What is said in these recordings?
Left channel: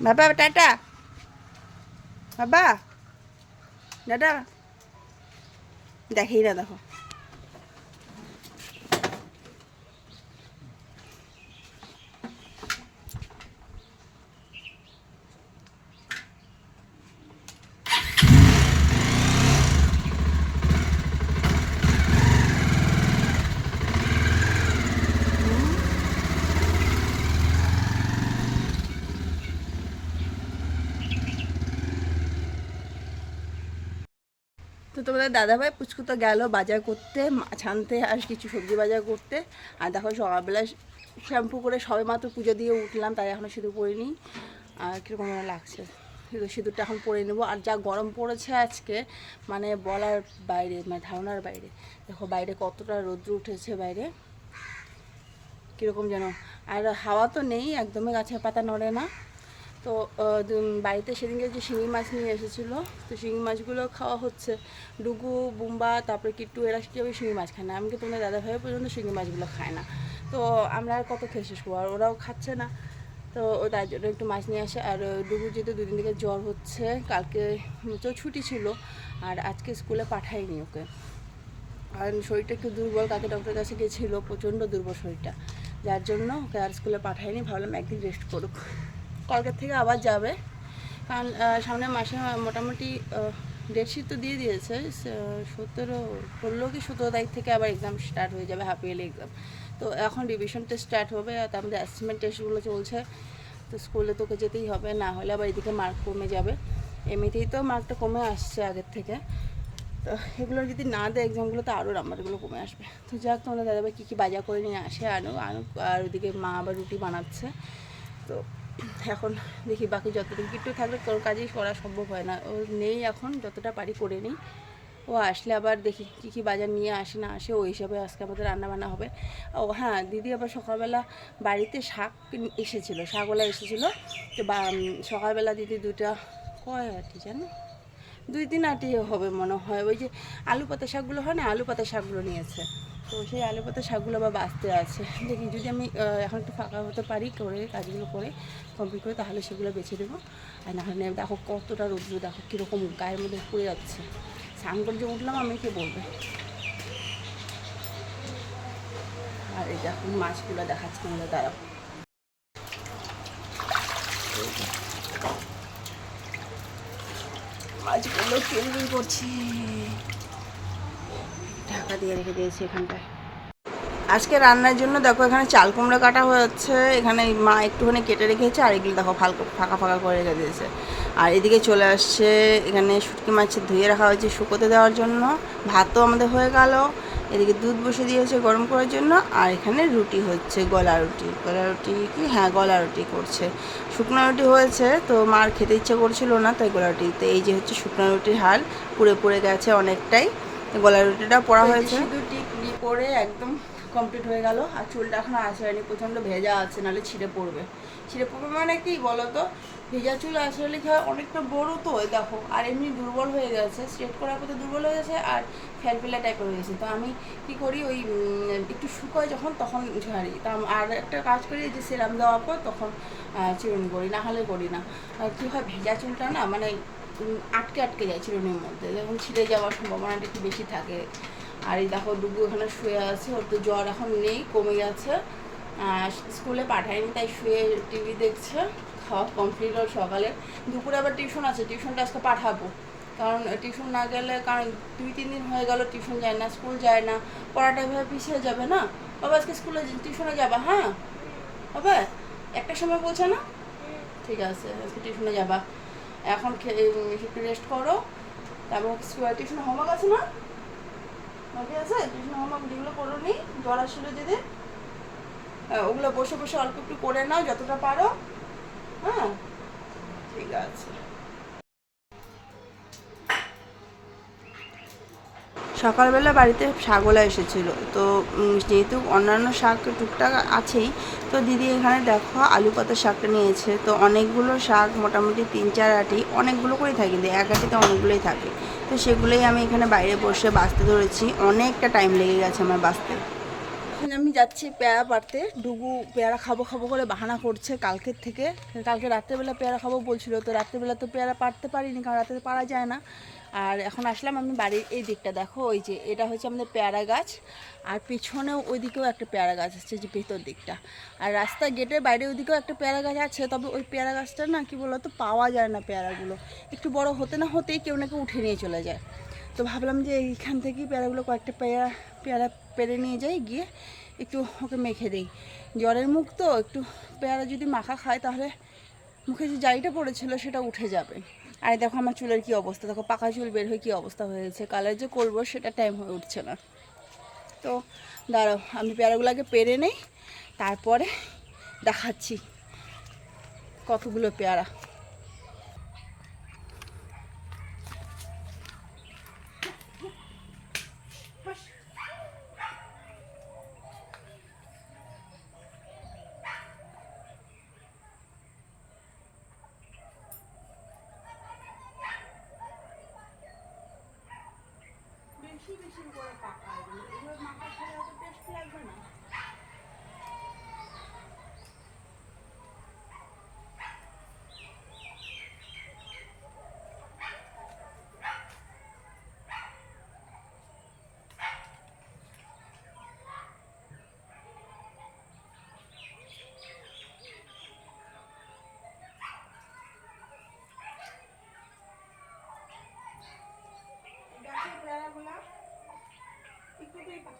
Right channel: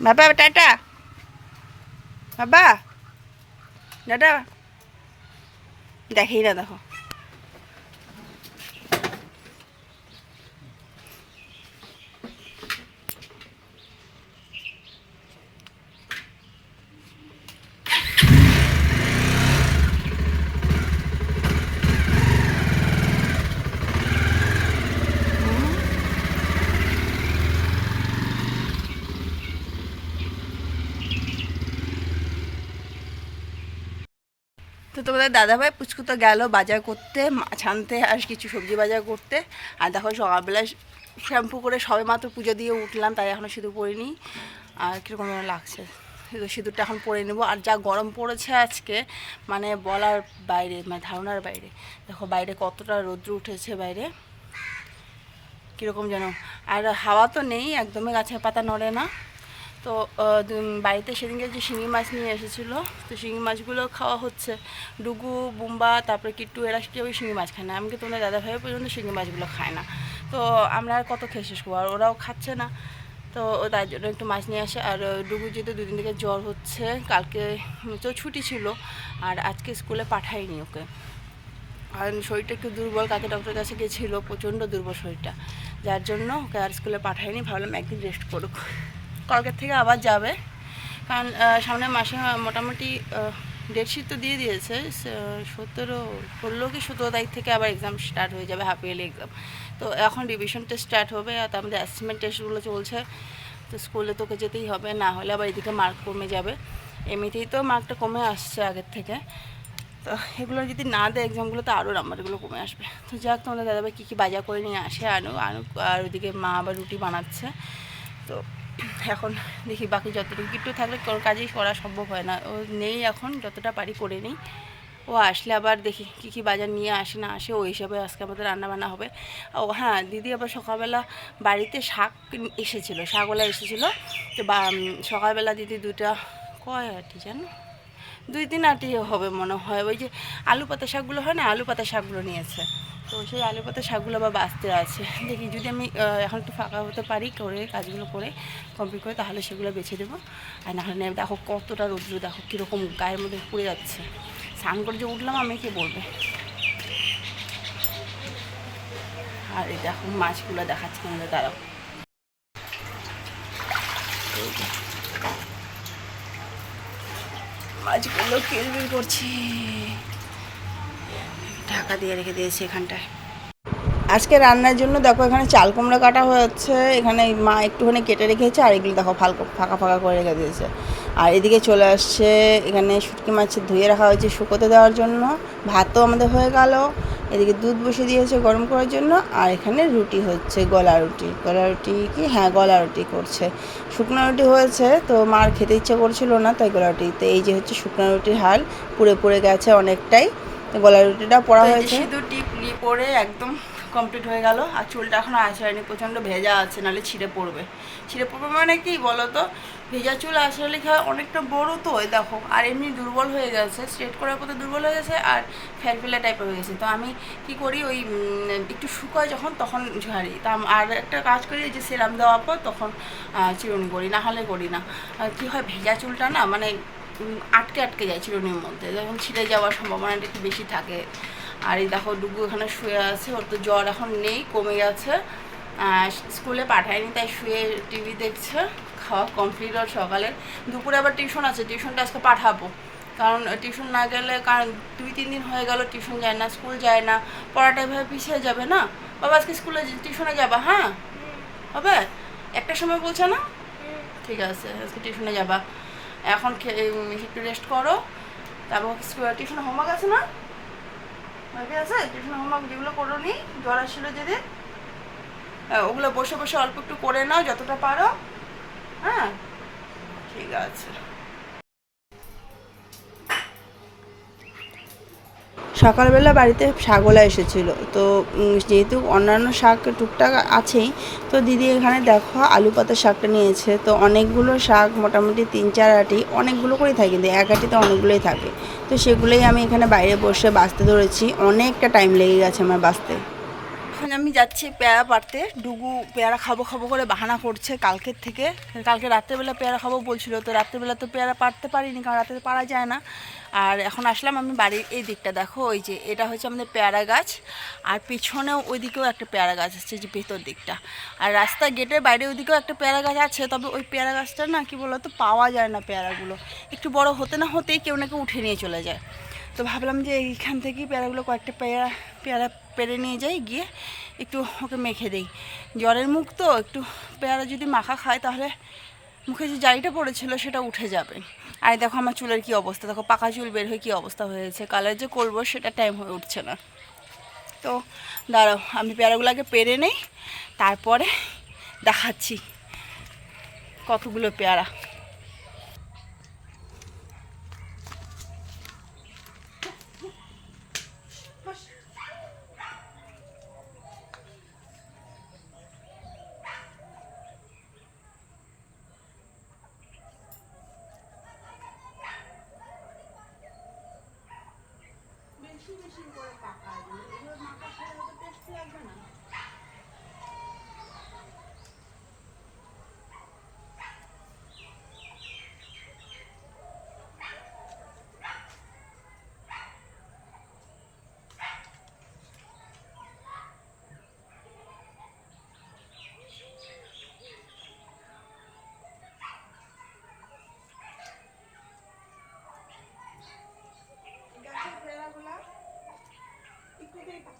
বাবা টাটা বাবা দাদা দেখেই না দেখো তো তোমাদের দাদাভাই পুচকু তো গেল বাজার করতে মাছ আনতে আর কিছু সবজি বাজার করতে। আর দেখো সকালবেলা শ্যাম্পু করে সবে মাত্র পুজো দিয়ে উঠলাম, তাই এখনও সিঁদুর পরিনি আর কীরকম লাগছে। সিঁদুর সিঁদুরটা এখন পরে নেব। আর যা গরম পড়েছে আজকে মানে বলার বাইরে মানে ধারণার বাইরে। দেখো বাইরে কতটা রৌদ্র উঠেছে বাইরে। কীরকম যেন। আর হাওয়া তো নেই, একদমই গাছের পাতা নড়ে না। তো বাড়িতে সেদিনকে যে শিঙি মাছ নিয়ে এসেছিল, তো শিঙি মাছগুলো খাওয়া হচ্ছে। ডুগু, বুম্বা, তারপরে কিট্টু, এরা কেউ শিঙি মাছ খায় না। এমনকি তোমাদের দাদা ভাইও পর্যন্ত শিঙি মাছগুলো খায় না। তো আমরা আর কত খেয়ে শেষ করব? আর ওরাও খাচ্ছে না। তো তার জন্য একটু মাছ নিয়ে আসে। আর ডুগু যেহেতু দুদিন থেকে জ্বর হচ্ছে, কালকে তো ছুটি ছিল। আর আজকে স্কুলে পাঠাইনি ওকে। আর শরীরটা একটু দুর্বল কাকে ডক্টরের কাছে গেছিল, প্রচণ্ড দুর্বল শরীরটা। যার জন্য ওকে আর স্কুলে পাঠাইনি ভাবলাম একদিন রেস্ট করুক। কালকের থেকে আবার যাবে। কারণ সামনের মাসে মোটামুটি ডেটশিট তো দিয়ে দিয়েছে। সতেরো, ষোলো কি সতেরো তারিখ থেকে আবার এক্সাম স্টার্ট হয়ে যাবে হাফ ইয়ারলি এক্সাম তো এখন রিভিশন টেস্ট স্টার্ট হবে, আর তার মধ্যে অ্যাসেসমেন্ট টেস্টগুলো চলছে। তো স্কুলে তোকে যেতেই হবে, না হলে আবার এদিকে মার্ক কমে যাবে। এমনিতেই তো মার্কটা কমে আসছে আগের থেকে। তো এগুলো যদি না দেয় এক্সামগুলো তো আরও নাম্বারগুলো কমে আসবে। তো যাক, তোমাদের দাদাভাই কী কী বাজার করে নিয়ে আসে আনুক আনুক, আর ওদিকে মা আবার রুটি বানাচ্ছে। তো এখন দেখি বাকি যতটুকু একটু থাকলে কোনো কাজই করা সম্ভব হয় না। ও নেই এখন, যতটা পারি করে নিই। ও আসলে আবার দেখি কী কী বাজার নিয়ে আসে না আসে, ওই হিসাবে আজকে আমাদের রান্নাবান্না হবে। ও হ্যাঁ দিদি আবার সকালবেলা বাড়িতে শাক এসেছিল, শাকওয়ালা এসেছিল। তো বা সকালবেলা দিদি দুটা, কয় আটি জানো দুই তিন আটি হবে মনে হয়। ওই যে আলু পাতা শাকগুলো হয় না, আলু পাতা শাকগুলো নিয়েছে। তো সেই আলু পাতা শাকগুলো আবার বাঁচতে আছে। দেখি যদি আমি এখন একটু ফাঁকা হতে পারি করে কাজগুলো করে কমপ্লিট করে, তাহলে সেগুলো বেছে দেবো। আর না হলে দেখো কতটা রৌদ্র, দেখো কীরকম গায়ের মধ্যে পড়ে যাচ্ছে। স্নান করে যে উঠলাম আমি, কে বলবে? আর এই দেখো মাছগুলো দেখাচ্ছে আমাদের দাঁড়াও। মাছগুলো কিলবিল করছে। ঢাকা দিয়ে রেখে দিয়েছি এখানটায়। আজকে রান্নার জন্য দেখো এখানে চাল কুমড়া কাটা হয়েছে। এখানে মা একটুখানি কেটে রেখেছে আর এগুলো দেখো ফালকা ফাঁকা ফাঁকা করে রেখে দিয়েছে। আর এদিকে চলে আসছে, এখানে শুটকি মাছ ধুয়ে রাখা হয়েছে শুকোতে দেওয়ার জন্য। ভাতও আমাদের হয়ে গেল। এদিকে দুধ বসে দিয়েছে গরম করার জন্য। আর এখানে রুটি হচ্ছে, গলা রুটি। গলা রুটি কি? হ্যাঁ গলা রুটি করছে। শুকনো রুটি হয়েছে, তো মার খেতে ইচ্ছে করছিল না, তাই গলা রুটি। তো এই যে হচ্ছে শুকনো রুটির হাল, পুড়ে পুড়ে গেছে অনেকটাই। গলা রুটিটা পড়া হয়েছে। সিঁদুর টিপ পরে একদম কমপ্লিট হয়ে গেল। আর চুলটা এখনও আছড়ায়নি প্রচণ্ড ভেজা আছে নাহলে ছিঁড়ে পড়বে। ছিঁড়ে পড়বে মানে কি বলো তো ভেজা চুল আছড়ালে কি হয় অনেকটা বড় তো এই দেখো। আর এমনি দুর্বল হয়ে গেছে স্ট্রেট করার পথে দুর্বল হয়ে গেছে আর ফেলফেলা টাইপের হয়ে গেছে। তো আমি কি করি ওই একটু শুকায় যখন তখন ঝাড়ি। তা আম- আর একটা কাজ করি যে সেরাম দেওয়ার পর তখন চিরুনি করি না হলে করি না। আর কি হয় ভেজা চুলটা না মানে আটকে আটকে যায় চিরুনির মধ্যে। যখন ছিঁড়ে যাওয়ার সম্ভাবনাটা একটু বেশি থাকে। আর এই দেখো ডুগু এখানে শুয়ে আছে। ওর তো জ্বর এখন নেই কমে গেছে। স্কুলে পাঠায়নি তাই শুয়ে টিভি দেখছে। খাওয়া কমপ্লিট ওর সকালে। দুপুরে আবার টিউশন আছে। টিউশনটা আজকে পাঠাবো। কারণ টিউশন না গেলে কারণ দুই তিন দিন হয়ে গেল টিউশন যায় না স্কুল যায় না। পড়াটা এভাবে পিছিয়ে যাবে না? বাবা আজকে স্কুলে টিউশনে যাবা হ্যাঁ? হবে? একটা সময় বলছে না? ঠিক আছে আজকে টিউশনে যাবা। এখন একটু রেস্ট করো। তারপর টিউশন হোমওয়ার্ক আছে না? বাকি আছে? টিউশন হোমওয়ার্ক যেগুলো করো নি জ্বর আসলে যেদিন হ্যাঁ, ওগুলো বসে বসে অল্প একটু করে নাও যতটা পারো। হ্যাঁ ঠিক আছে। সকালবেলা বাড়িতে শাকওয়ালা এসেছিল। তো যেহেতু অন্যান্য শাক টুকটাক আছেই, তো দিদি এখানে দেখো আলু পাতা শাকটা নিয়েছে। তো অনেকগুলো শাক, মোটামুটি তিন চার আটি, অনেকগুলো করে থাকে। কিন্তু এক আটিতে অনেকগুলোই থাকে। তো সেগুলোই আমি এখানে বাইরে বসে বাঁচতে ধরেছি। অনেকটা টাইম লেগে গেছে আমার বাঁচতে। আমি যাচ্ছি পেয়ারা পাড়তে। ডুগু পেয়ারা খাব খাব করে বাহানা করছে কালকের থেকে। কালকে রাত্রেবেলা পেয়ারা খাব বলছিল, তো রাত্রেবেলা তো পেয়ারা পাড়তে পারিনি, কারণ রাতে পারা যায় না। আর এখন আসলাম আমি বাড়ির এই দিকটা, দেখো, ওই যে এটা হচ্ছে আমাদের পেয়ারা গাছ। আর পিছনেও ওইদিকেও একটা পেয়ারা গাছ আছে, যে ভেতর দিকটা। আর রাস্তা গেটের বাইরে ওইদিকেও একটা পেয়ারা গাছ আছে, তবে ওই পেয়ারা গাছটা না, কি বলতো, পাওয়া যায় না পেয়ারাগুলো। একটু বড় হতে না হতেই কেউ না কেউ উঠে নিয়ে চলে যায়। তো ভাবলাম যে এইখান থেকেই পেয়ারাগুলো কয়েকটা পেয়ারা পেয়ারা পেরে নিয়ে যাই, গিয়ে একটু ওকে মেখে দেই। জ্বরের মুখ তো, একটু পেয়ারা যদি মাখা খায় তাহলে মুখে যে জারিটা পড়েছিল সেটা উঠে যাবে। আর দেখো আমার চুলের কি অবস্থা, দেখো পাকা চুল বের হয়ে কী অবস্থা হয়েছে, কালার যে করব সেটা টাইম হয়ে উঠছে না। তো দাঁড়াও, আমি পেয়ারাগুলো আগে পেরে নেই, তারপরে দেখাচ্ছি কতগুলো পেয়ারা। বেশি বেশি করে পাকা এগুলো মাখা খেলে অত টেস্ট লাগবে না।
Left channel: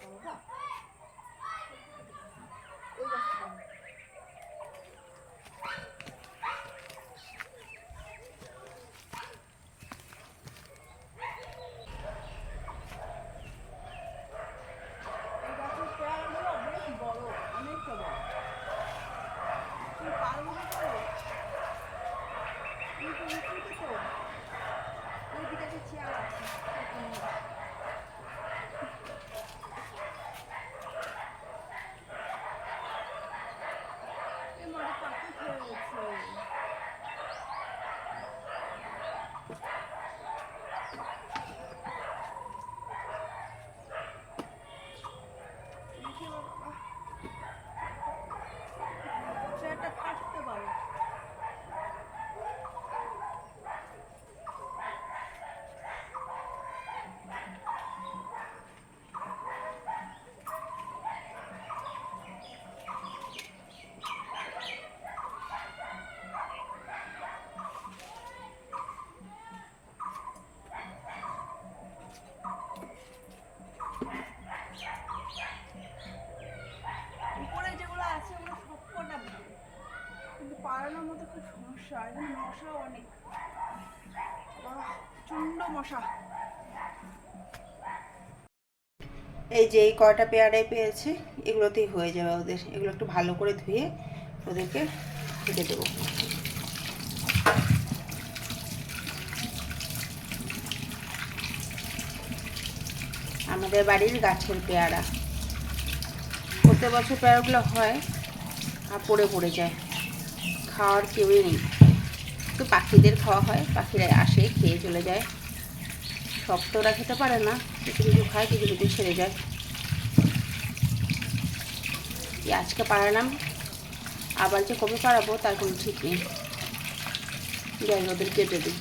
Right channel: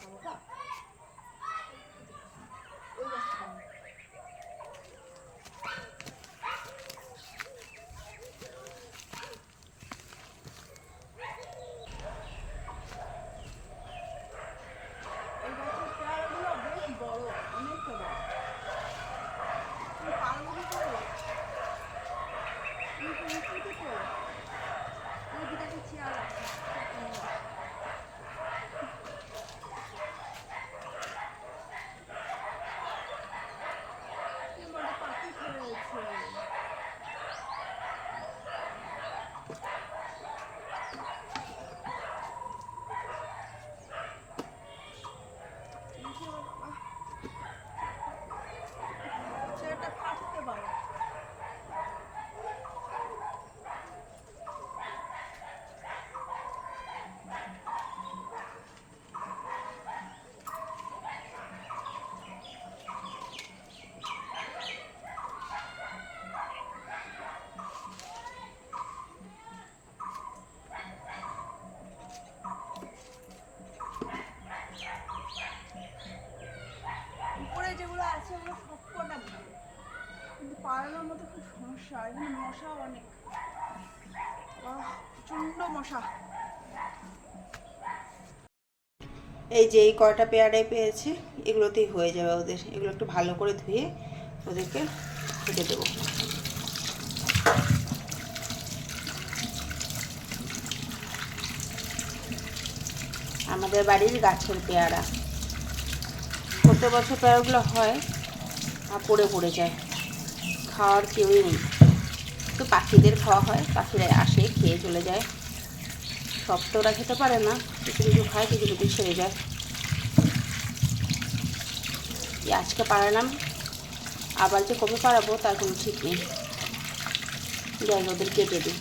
等一。সমস্যা মশাও অনেক। মশা। এই যে এই কয়টা পেয়ারাই পেয়েছি, এগুলোতেই হয়ে যাবে ওদের। এগুলো একটু ভালো করে ধুয়ে ওদেরকে খেতে দেবো। আমাদের বাড়ির গাছের পেয়ারা। প্রত্যেক বছর পেয়ারাগুলো হয় আর পড়ে পড়ে যায়। খাওয়ার কেউই নেই। তো পাখিদের খাওয়া হয়, পাখিরা আসে, খেয়ে চলে যায়। সব তো ওরা খেতে পারে না, কিছু কিছু খায়, কিছু কিছু ছেড়ে যায়। আজকে পাড়ালাম, আবার যে কবে পাড়াবো তার কোনো ঠিক নেই। যাই ওদের কেটে দিই।